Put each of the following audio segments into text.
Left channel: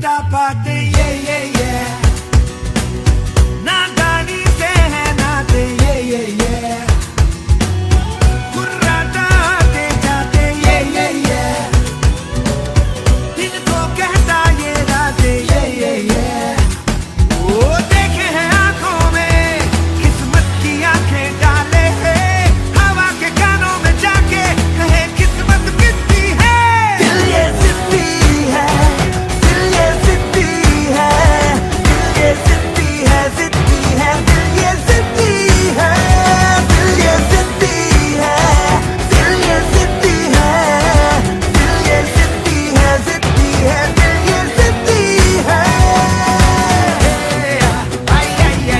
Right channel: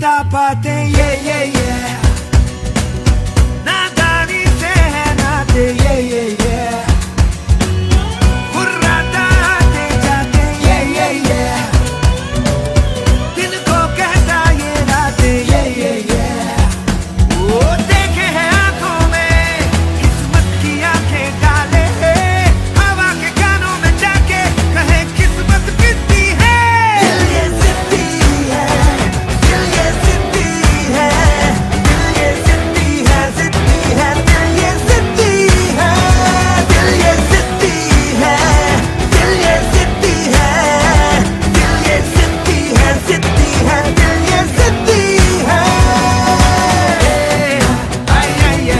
बता पाते ये नादानी से है नाते ये हुर्राता आते जाते ये दिल को कहता ये नाते ये वो देखे हैं आंखों में किस्मत की आंखें डाले हवा के कानों में जाके कहे किस्मत कितनी है दिल ये जिद्दी है दिल ये जिद्दी है दिल ये जिद्दी है जिद्दी है दिल ये जिद्दी है दिल ये जिद्दी है दिल ये जिद्दी है दिल ये जिद्दी है जिद्दी है दिल ये जिद्दी है आई आई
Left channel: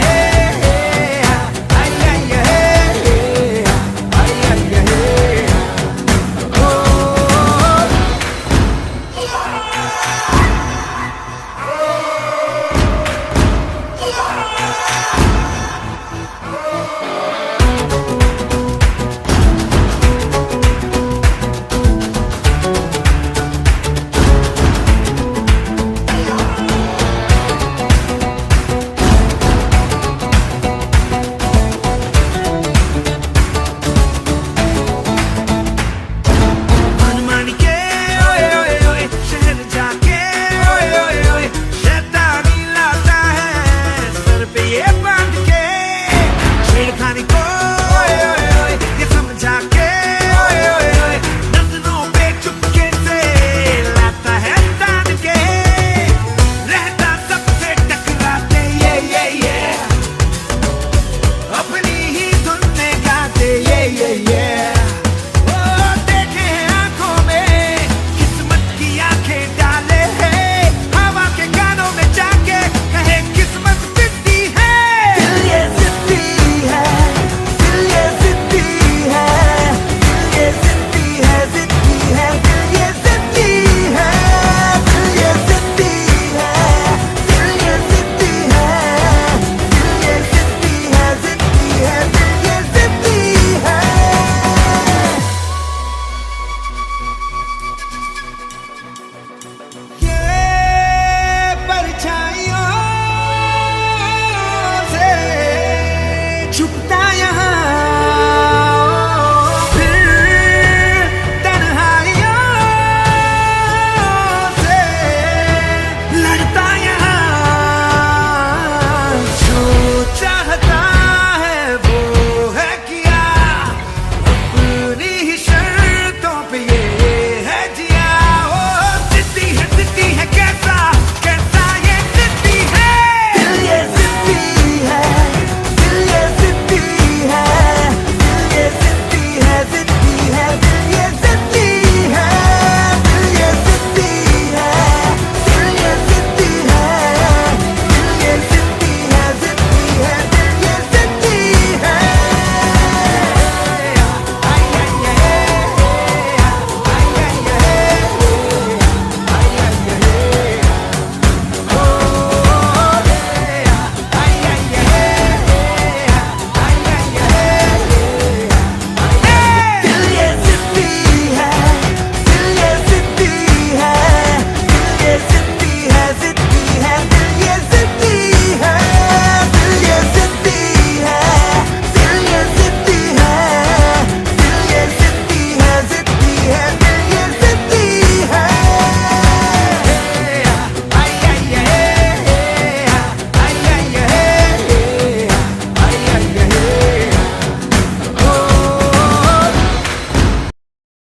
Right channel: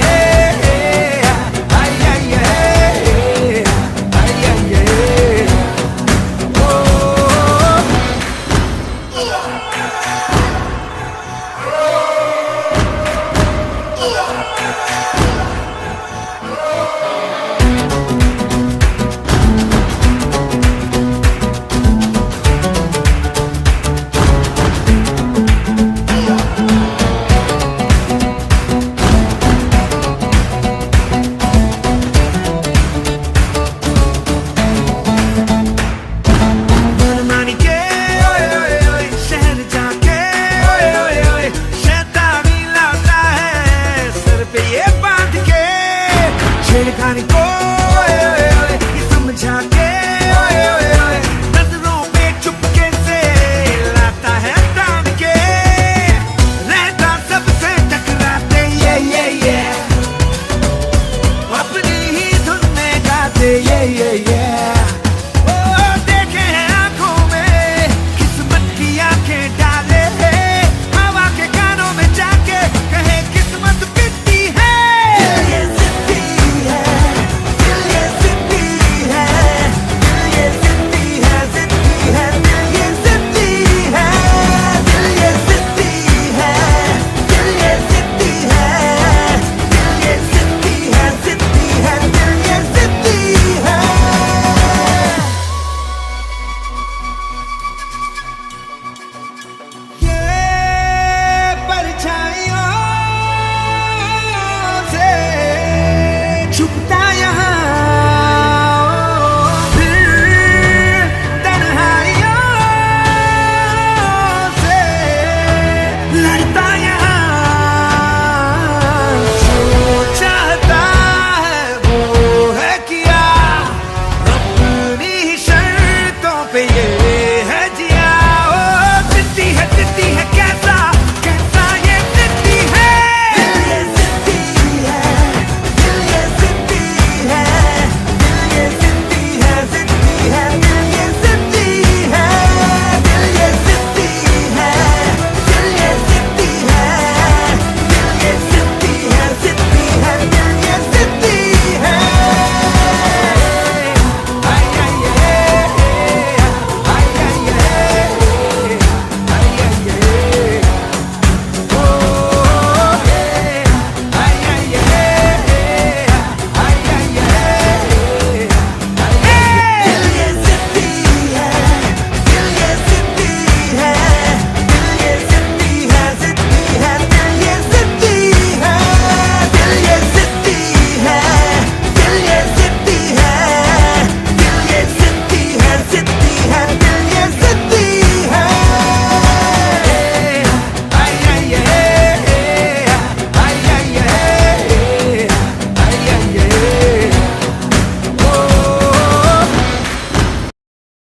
मनमानी के ओए ओए ओए शहर जाके ओए ओए ओए शैतानी लाता है सर पे ये बांध के छेड़खानी को ओए ओए ओए ये समझा के ओए ओए ओए नजरों में चुपके से लाता है तान के रहता सबसे टकराते ये अपनी ही धुन में गाते ये देखे हैं आंखों में किस्मत की आंखें डाले हवा के कानों में जाके कहे किस्मत कितनी है दिल ये जिद्दी है दिल ये जिद्दी है दिल ये जिद्दी है जिद्दी है दिल ये जिद्दी है दिल ये जिद्दी है दिल ये जिद्दी है दिल ये जिद्दी है जिद्दी है दिल ये जिद्दी है ये परछाइयों से छुपता यहाँ